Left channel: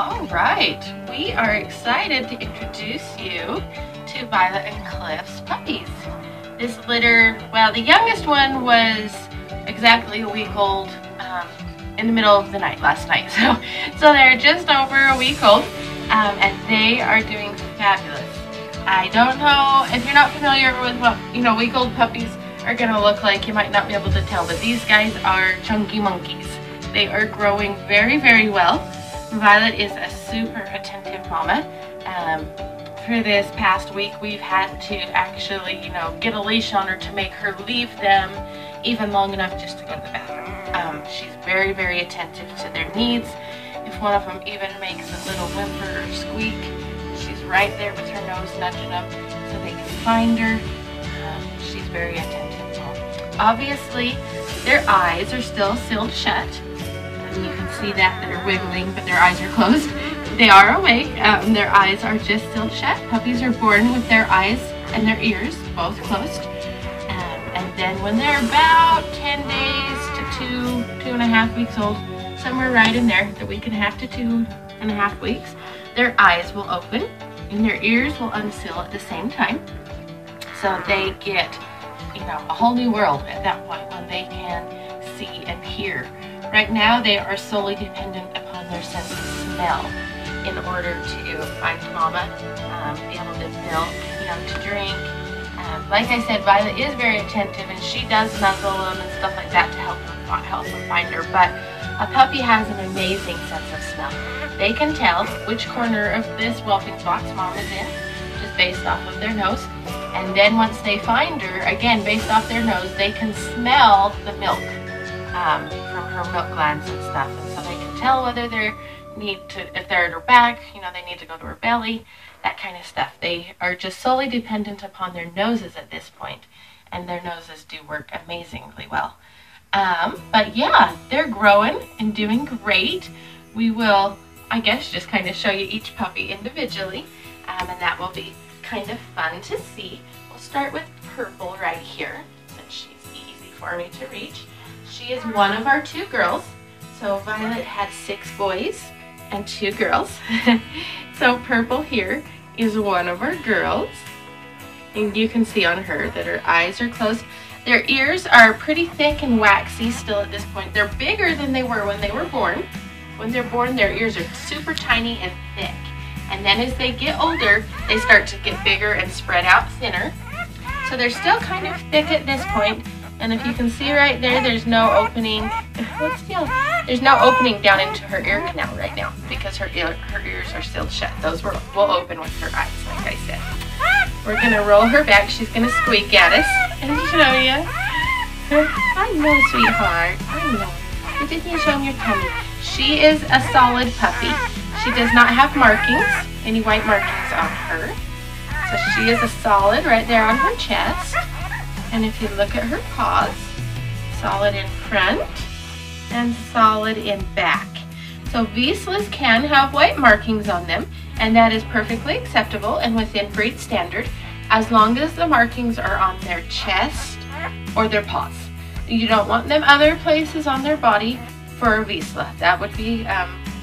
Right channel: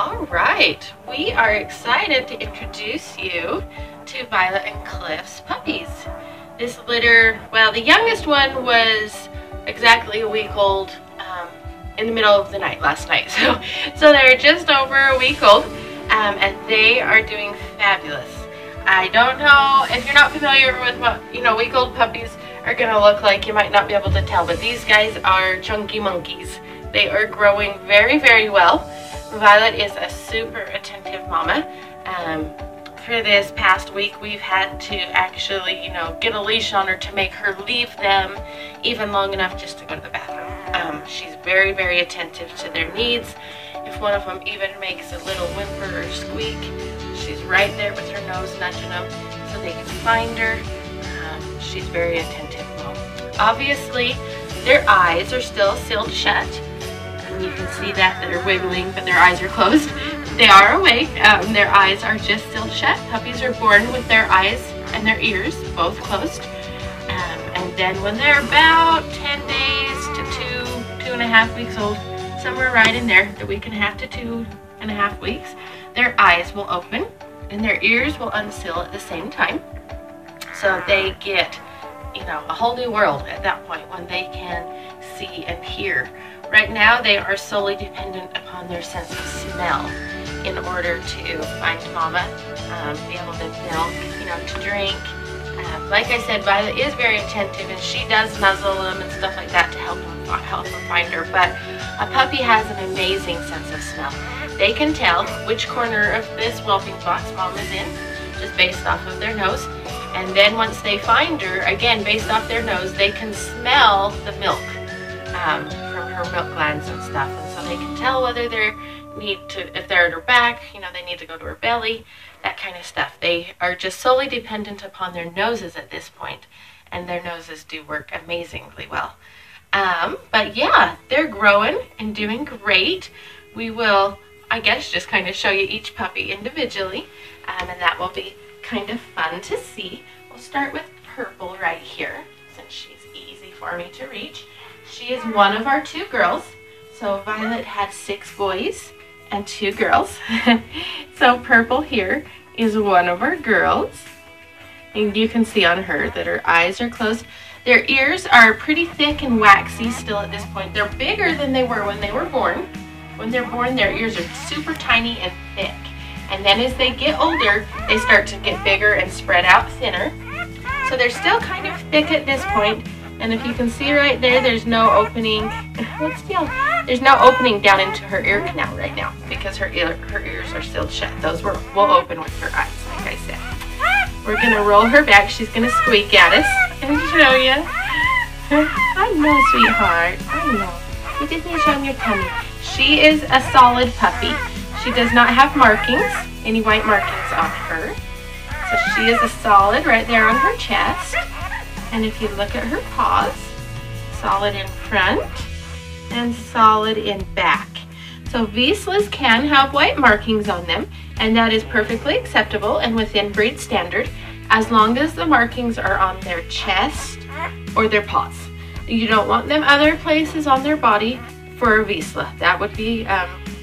All right, we are excited to introduce you to Violet and Cliff's puppies. This litter, well, the youngest one was exactly a week old in the middle of the night last night. So they're just over a week old, and they are doing fabulous. I don't know if you're not familiar with what week-old puppies are going to look like. You might not be able to tell, but these guys are chunky monkeys. They are growing very, very well. Violet is a super attentive mama. For this past week, we've had to actually, get a leash on her to make her leave them even long enough just to go to the bathroom. She's very, very attentive to their needs. If one of them even makes a little whimper or squeak, she's right there with her nose nudging them so they can find her. She's very attentive. Obviously, their eyes are still sealed shut. And you can see that they're wiggling, but their eyes are closed. They are awake. Their eyes are just sealed shut. Puppies are born with their eyes and their ears both closed. And then when they're about 10 days to 2.5 weeks old, somewhere right in there, the week and a half to 2.5 weeks, their eyes will open and their ears will unseal at the same time. So they get, a whole new world at that point when they can see and hear. Right now, they are solely dependent upon their sense of smell in order to find mama, be able to milk, to drink. Like I said, Violet is very attentive and she does nuzzle them and stuff like that to help them find her. But a puppy has an amazing sense of smell. They can tell which corner of this whelping box mama's in, just based off of their nose. And then once they find her, again, based off their nose, they can smell the milk from her milk glands and stuff. And so they can tell whether if they're at her back, they need to go to her belly, that kind of stuff. They are just solely dependent upon their noses at this point, and their noses do work amazingly well. But yeah, they're growing and doing great. We will, I guess, just kind of show you each puppy individually, and that will be kind of fun to see. We'll start with Purple right here, since she's easy for me to reach. She is one of our 2 girls. So Violet had 6 boys and 2 girls. So Purple here is one of our girls. And you can see on her that her eyes are closed. Their ears are pretty thick and waxy still at this point. They're bigger than they were when they were born. When they're born, their ears are super tiny and thick. And then as they get older, they start to get bigger and spread out thinner. So they're still kind of thick at this point. And if you can see right there, there's no opening. There's no opening down into her ear canal right now because her ears are sealed shut. Those will open with her eyes, like I said. We're gonna roll her back. She's gonna squeak at us and show you. I know, sweetheart. I know. You just need to show them your tummy. She is a solid puppy. She does not have markings, any white markings on her. So she is a solid right there on her chest. And if you look at her paws, solid in front and solid in back. So Vizslas can have white markings on them, and that is perfectly acceptable and within breed standard, as long as the markings are on their chest or their paws. You don't want them other places on their body for a Vizsla. That would be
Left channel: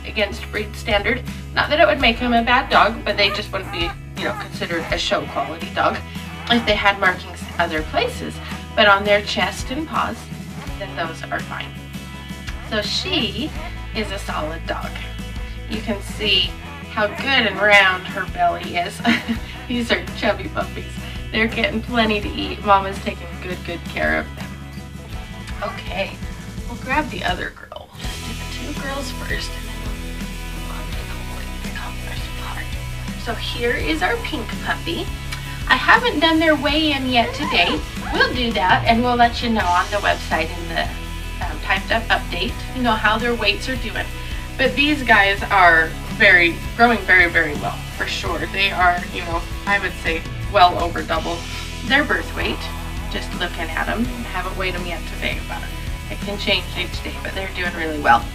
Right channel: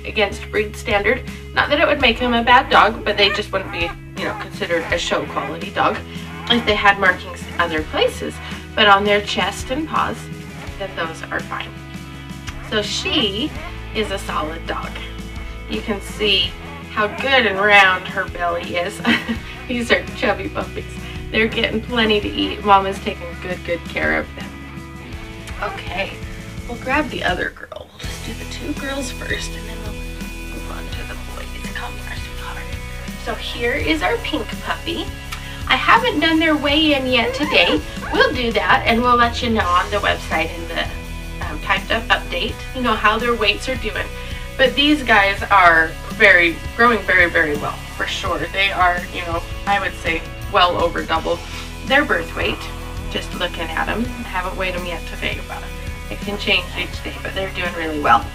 against breed standard. Not that it would make them a bad dog, but they just wouldn't be, considered a show quality dog if they had markings other places. But on their chest and paws, that those are fine. So she is a solid dog. You can see how good and round her belly is. These are chubby puppies. They're getting plenty to eat. Mama's taking good care of them. Okay, we'll grab the other girl. Let's do the 2 girls first, and then we'll move on to the boys. Come first, sweetheart. So here is our pink puppy. I haven't done their weigh-in yet today. We'll do that, and we'll let you know on the website in the typed up update, how their weights are doing. But these guys are growing very, very well, for sure. They are, I would say well over double their birth weight, just looking at them. I haven't weighed them yet today, but it can change each day, but they're doing really well.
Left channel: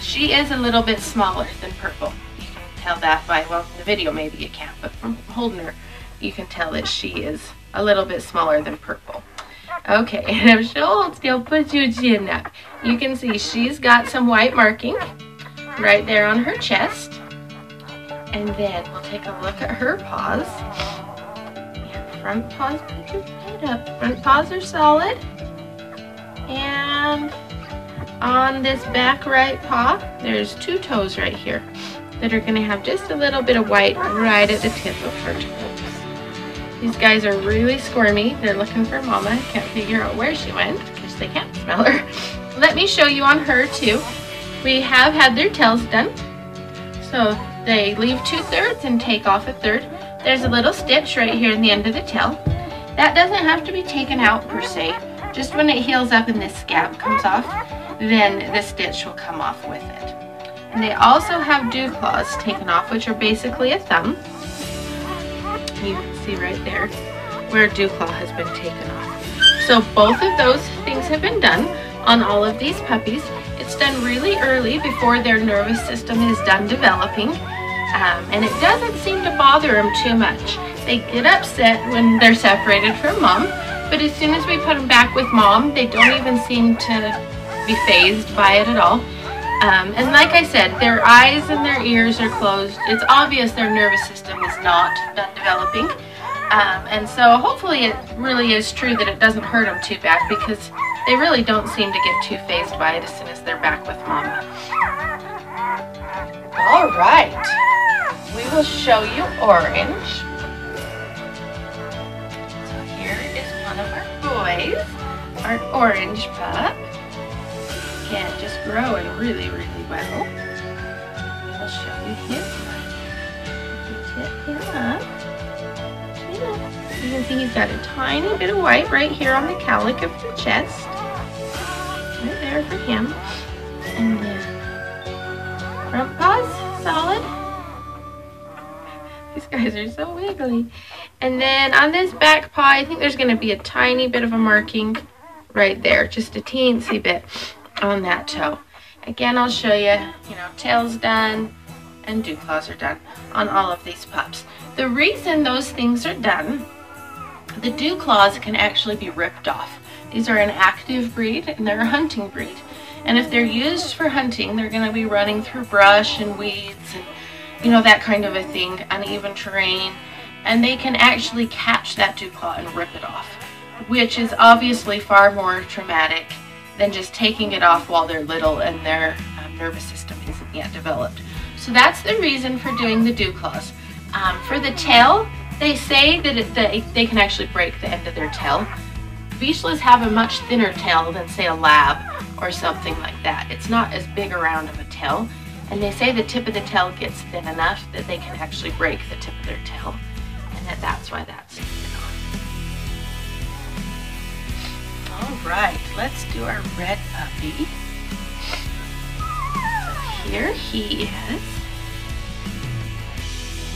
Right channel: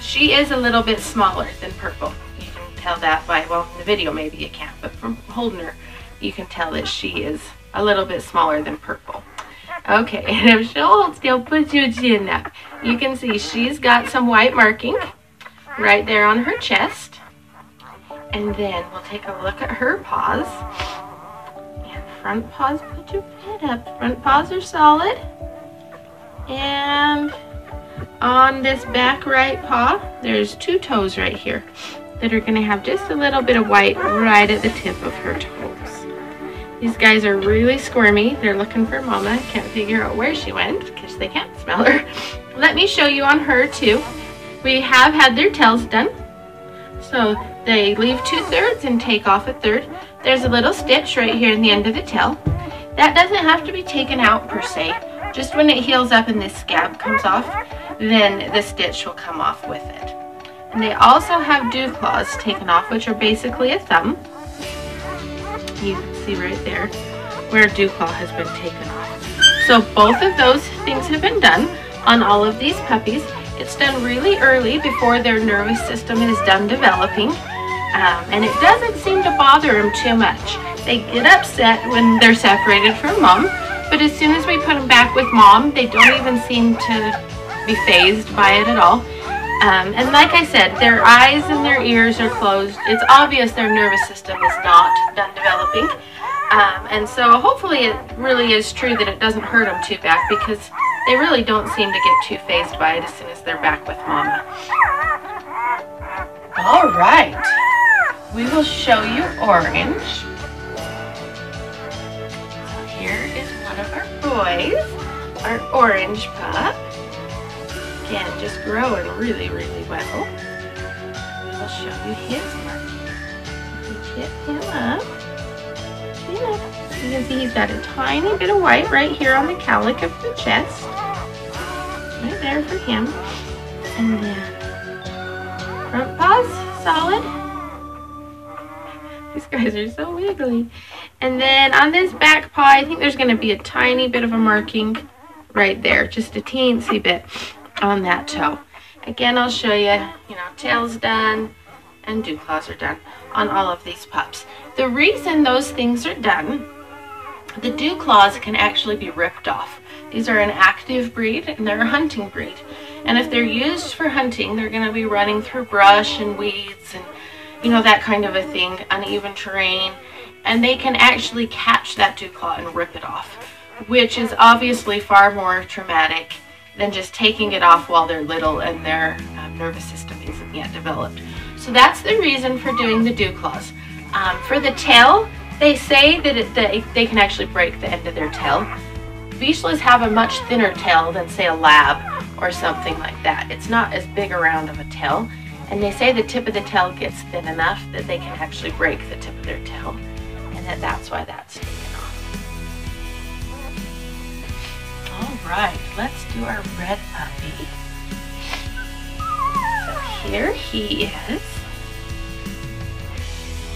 She is a little bit smaller than Purple. You can tell that by, well, in the video maybe you can't, but from holding her, you can tell that she is a little bit smaller than Purple. Okay, and if she'll hold still, put your chin up. You can see she's got some white marking right there on her chest. And then we'll take a look at her paws. And front paws, put your head up. Front paws are solid. And on this back right paw, there's 2 toes right here that are gonna have just a little bit of white right at the tip of her toes. These guys are really squirmy. They're looking for mama. Can't figure out where she went because they can't smell her. Let me show you on her too. We have had their tails done. So they leave 2/3 and take off 1/3. There's a little stitch right here in the end of the tail. That doesn't have to be taken out per se. Just when it heals up and this scab comes off, then the stitch will come off with it. And they also have dew claws taken off, which are basically a thumb. You can see right there where a dew claw has been taken off. So both of those things have been done on all of these puppies. It's done really early before their nervous system is done developing. And it doesn't seem to bother them too much. They get upset when they're separated from mom, but as soon as we put them back with mom, they don't even seem to be fazed by it at all. And like I said, their eyes and their ears are closed. It's obvious their nervous system is not done developing. And so hopefully it really is true that it doesn't hurt them too bad, because they really don't seem to get too fazed by it as soon as they're back with mama. All right, we will show you Orange. Here is one of our boys, our Orange pup. Again, just growing really, really well. We will show you his one. Tip him up. You can see he's got a tiny bit of white right here on the cowlick of the chest. Right there for him. And then front paws, solid. These guys are so wiggly. And then on this back paw, I think there's going to be a tiny bit of a marking right there. Just a teensy bit on that toe. Again, I'll show you, tail's done and dew claws are done on all of these pups. The reason those things are done, the dew claws can actually be ripped off. These are an active breed and they're a hunting breed. And if they're used for hunting, they're going to be running through brush and weeds and that kind of a thing, uneven terrain. And they can actually catch that dew claw and rip it off, which is obviously far more traumatic than just taking it off while they're little and their nervous system isn't yet developed. So that's the reason for doing the dew claws. For the tail, they say that they can actually break the end of their tail. Vizslas have a much thinner tail than, say, a lab or something like that. It's not as big around of a tail, and they say the tip of the tail gets thin enough that they can actually break the tip of their tail, and that's why that's taken off. Alright, let's do our red puppy. So here he is.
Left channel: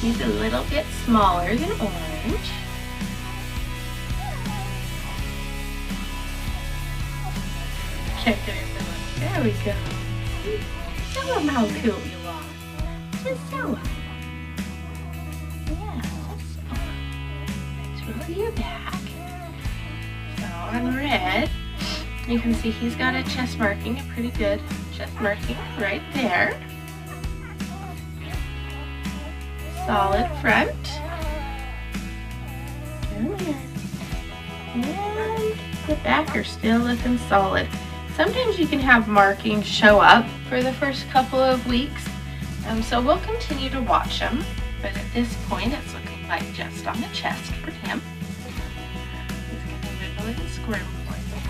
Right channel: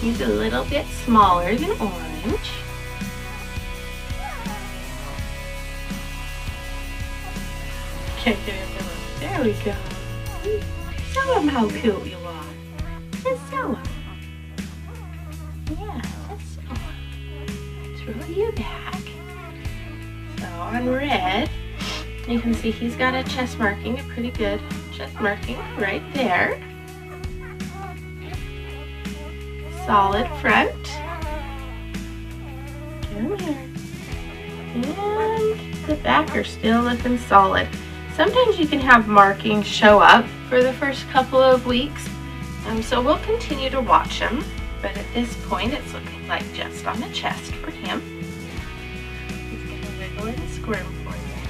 He's a little bit smaller than Orange. Okay, there we go. Show him how cute you are. Just show him. Yeah, just show him. Let's roll you back. So on Red, you can see he's got a chest marking, a pretty good chest marking right there. Solid front. Come here. And the back are still looking solid. Sometimes you can have markings show up for the first couple of weeks, so we'll continue to watch him, but at this point it's looking like just on the chest for him. He's going to wiggle and squirm for you.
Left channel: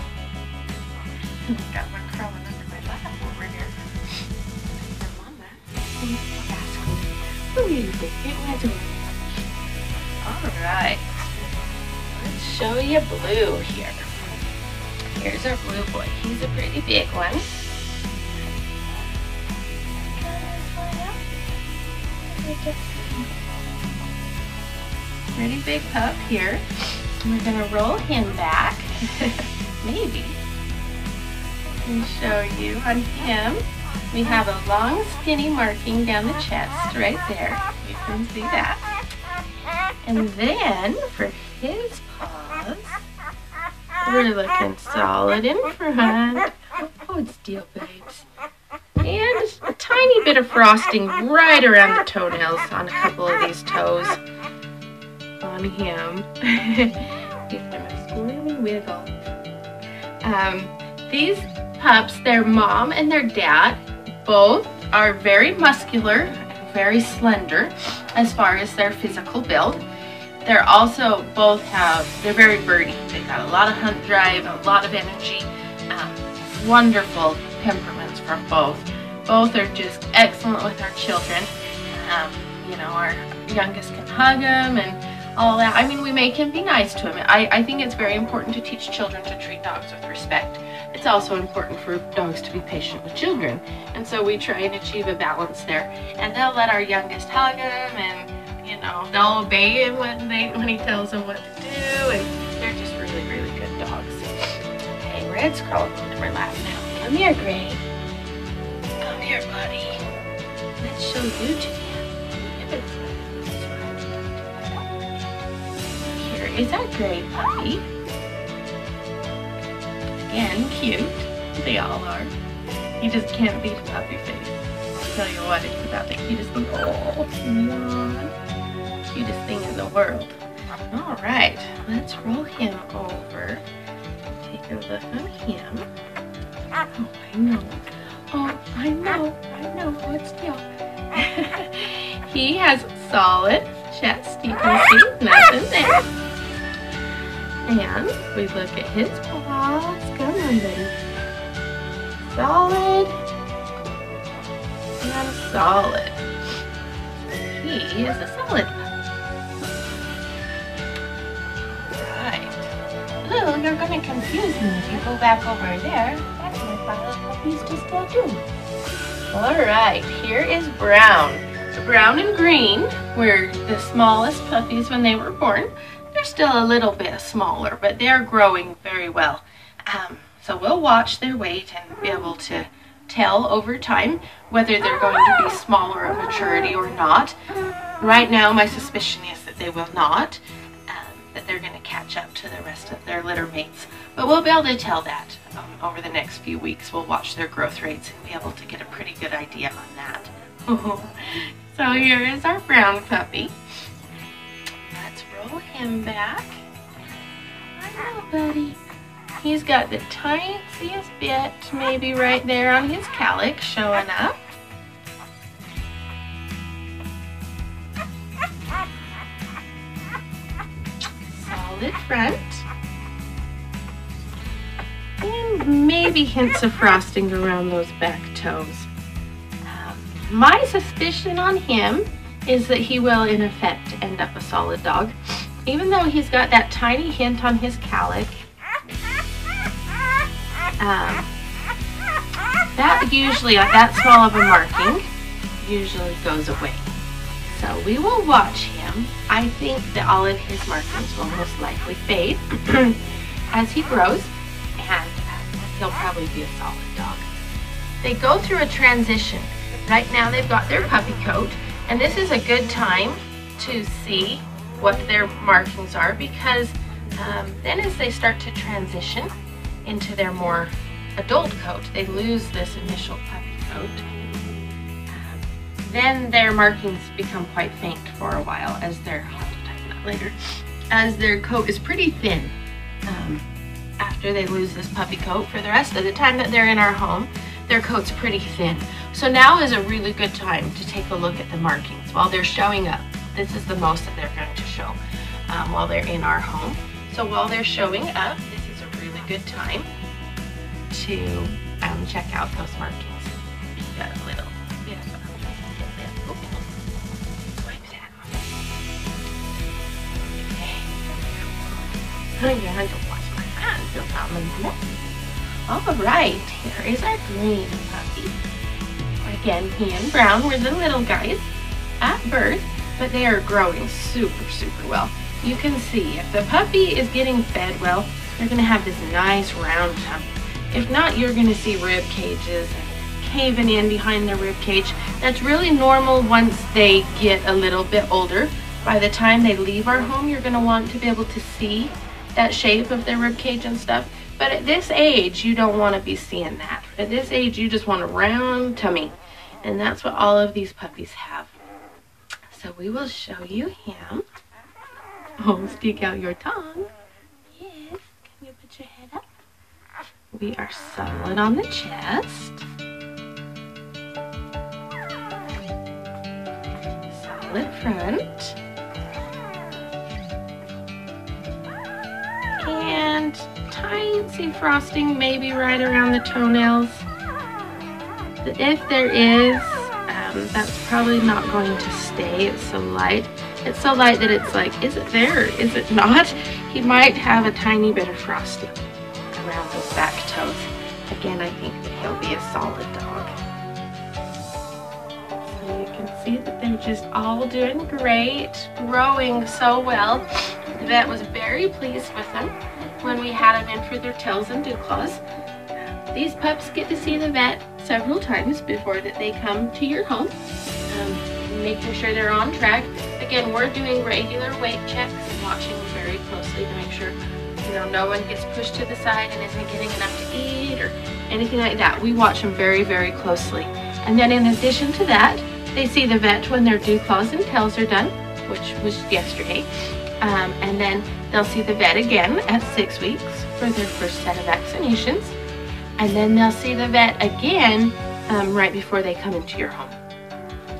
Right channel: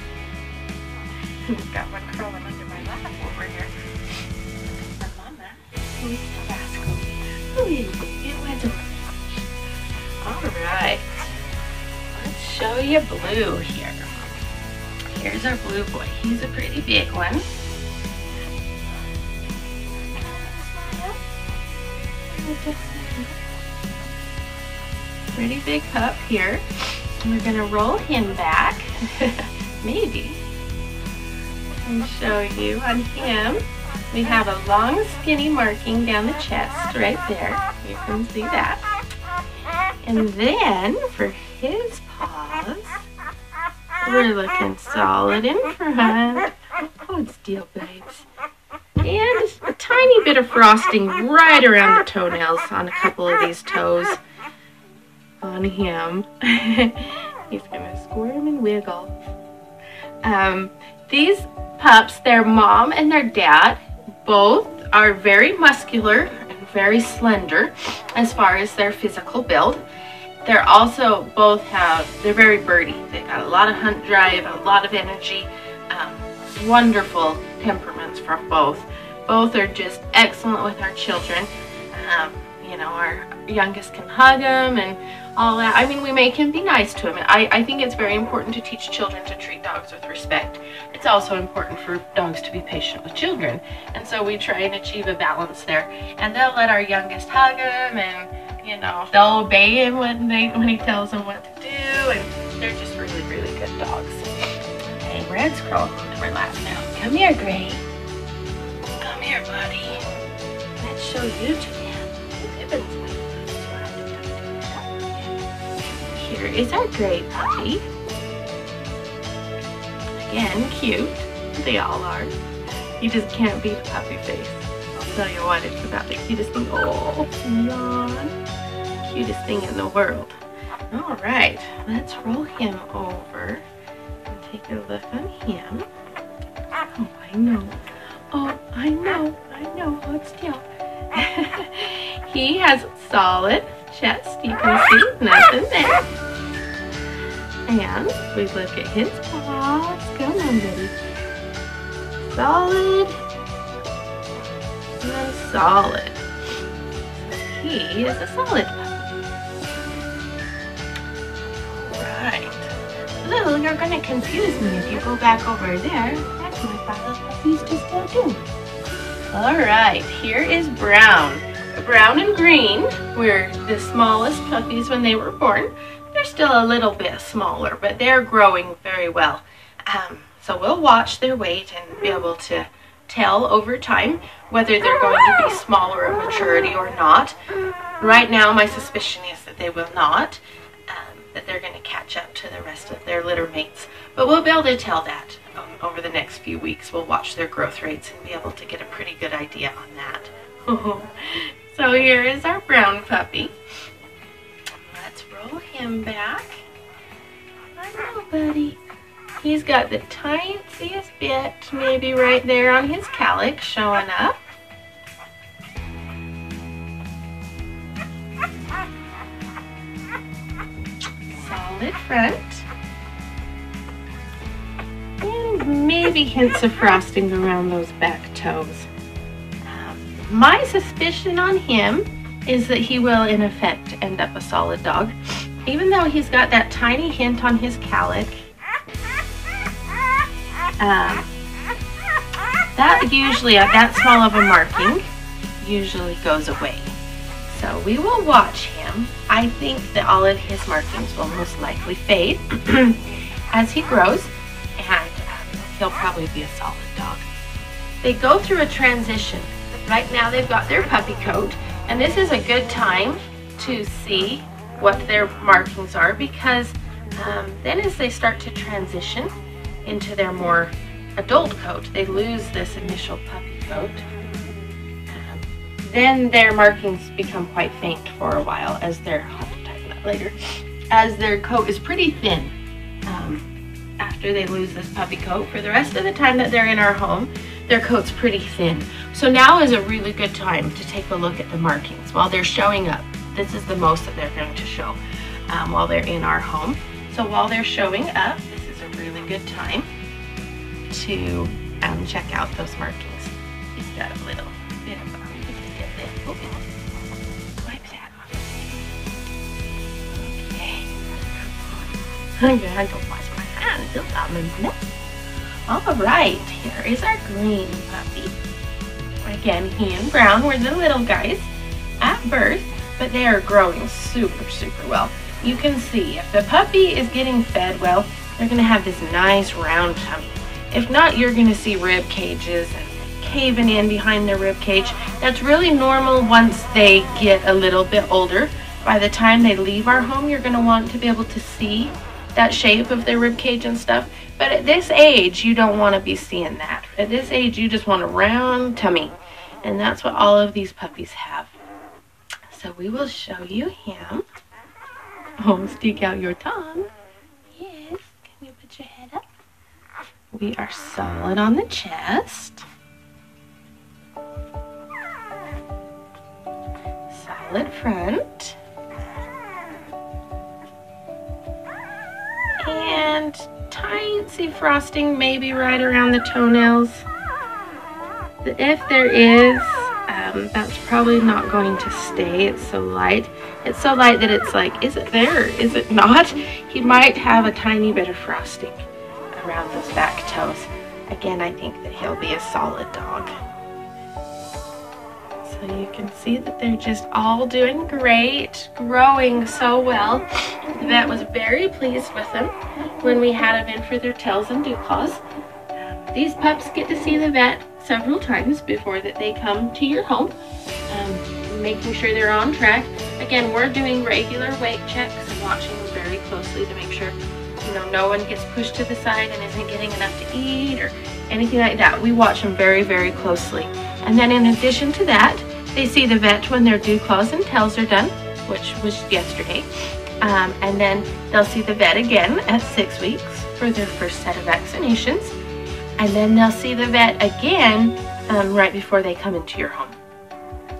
I've got one crawling under my lap over here. And Mama needs to ask me, who is it? It went away. Alright, let's show you Blue here. Here's our blue boy. He's a pretty big one. Pretty big pup here. And we're going to roll him back. Maybe. And show you on him. We have a long skinny marking down the chest right there. You can see that. And then for his paws, we're looking solid in front. Hold still, babes. And just a tiny bit of frosting right around the toenails on a couple of these toes on him. He's gonna squirm and wiggle. These pups, their mom and their dad, both are very muscular and very slender as far as their physical build. They're also they're very birdy. They've got a lot of hunt drive, a lot of energy, wonderful temperaments from both. Both are just excellent with our children. You know, our youngest can hug them and all that. I mean, we make him be nice to him. I think it's very important to teach children to treat dogs with respect. It's also important for dogs to be patient with children. And so we try and achieve a balance there. And they'll let our youngest hug him, and you know, they'll obey him when he tells them what to do. And they're just really, really good dogs. Okay, Red's crawling into our lap now. Come here, Gray. Come here, buddy. Let's show you to him. Here is our gray puppy. Again, cute. They all are. You just can't beat a puppy face. I'll tell you what, it's about the cutest thing. Oh, yawn. Cutest thing in the world. All right, let's roll him over and take a look on him. Oh, I know. Oh, I know. Hold still. He has solid chest. You can see nothing there. And we look at his paws. Come on, buddy. Solid and solid. So he is a solid puppy. Right. Lou, you're going to confuse me if you go back over there. That's what Violet puppies just don't do. Alright, here is Brown. Brown and Green were the smallest puppies when they were born. They're still a little bit smaller, but they're growing very well. So we'll watch their weight and be able to tell over time whether they're going to be smaller of maturity or not. Right now, my suspicion is that they will not, that they're going to catch up to the rest of their litter mates. But we'll be able to tell that over the next few weeks. We'll watch their growth rates and be able to get a pretty good idea on that. So here is our brown puppy. Let's roll him back. I know, buddy. He's got the tiniest bit, maybe right there on his calyx showing up. Solid front. And maybe hints of frosting around those back toes. My suspicion on him is that he will, in effect, end up a solid dog. Even though he's got that tiny hint on his calyx, that usually, that small of a marking, usually goes away. So we will watch him. I think that all of his markings will most likely fade as he grows, and he'll probably be a solid dog. They go through a transition. Right now they've got their puppy coat, and this is a good time to see what their markings are, because then as they start to transition into their more adult coat, they lose this initial puppy coat. Then their markings become quite faint for a while, as I'll tighten that later, as their coat is pretty thin after they lose this puppy coat. For the rest of the time that they're in our home, their coat's pretty thin. So now is a really good time to take a look at the markings while they're showing up. This is the most that they're going to show while they're in our home. So while they're showing up, this is a really good time to check out those markings. Got a little bit of wipe that off. Okay. Yeah, I don't wash my hands. Don't got my neck. All right, here is our green puppy. Again, he and Brown were the little guys at birth, but they are growing super, super well. You can see if the puppy is getting fed well, they're going to have this nice round tummy. If not, you're going to see rib cages and caving in behind the rib cage. That's really normal once they get a little bit older. By the time they leave our home, you're going to want to be able to see that shape of their rib cage and stuff. But at this age, you don't want to be seeing that. At this age, you just want a round tummy. And that's what all of these puppies have. So we will show you him. Oh, stick out your tongue. Yes. Can you put your head up? We are solid on the chest. Solid front. And tiny frosting maybe right around the toenails. If there is, that's probably not going to stay. It's so light. It's so light that it's like, is it there or is it not? He might have a tiny bit of frosting around those back toes. Again, I think that he'll be a solid dog. So you can see that they're just all doing great, growing so well. The vet was very pleased with them when we had them in for their tails and dew claws. These pups get to see the vet several times before that they come to your home, making sure they're on track. Again, we're doing regular weight checks and watching them very closely to make sure no one gets pushed to the side and isn't getting enough to eat or anything like that. We watch them very, very closely. And then in addition to that, they see the vet when their dew claws and tails are done, which was yesterday. And then they'll see the vet again at 6 weeks for their first set of vaccinations. And then they'll see the vet again right before they come into your home.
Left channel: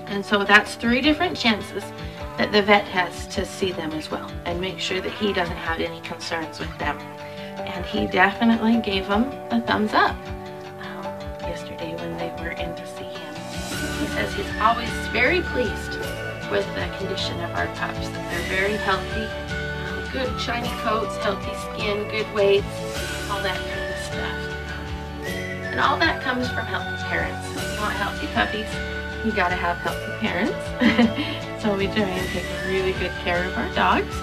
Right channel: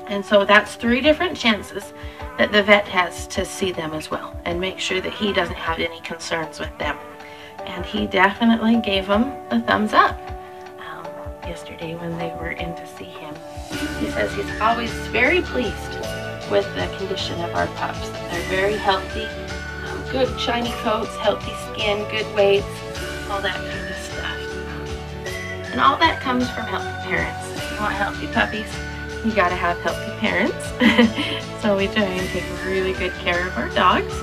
And so that's 3 different chances that the vet has to see them as well and make sure that he doesn't have any concerns with them. And he definitely gave them a thumbs up yesterday when they were in to see him. He says he's always very pleased with the condition of our pups, that they're very healthy, good shiny coats, healthy skin, good weights, all that kind of stuff. And all that comes from healthy parents. If you want healthy puppies, you gotta have healthy parents. So we try and take really good care of our dogs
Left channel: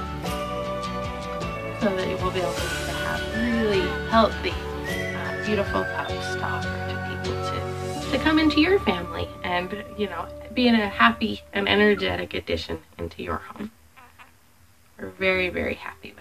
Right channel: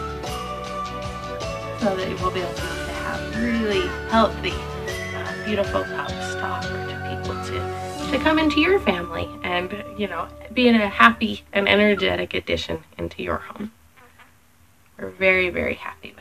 so that we'll be able to have really healthy, beautiful pups to offer to people to come into your family and, be in a happy and energetic addition into your home. We're very, very happy with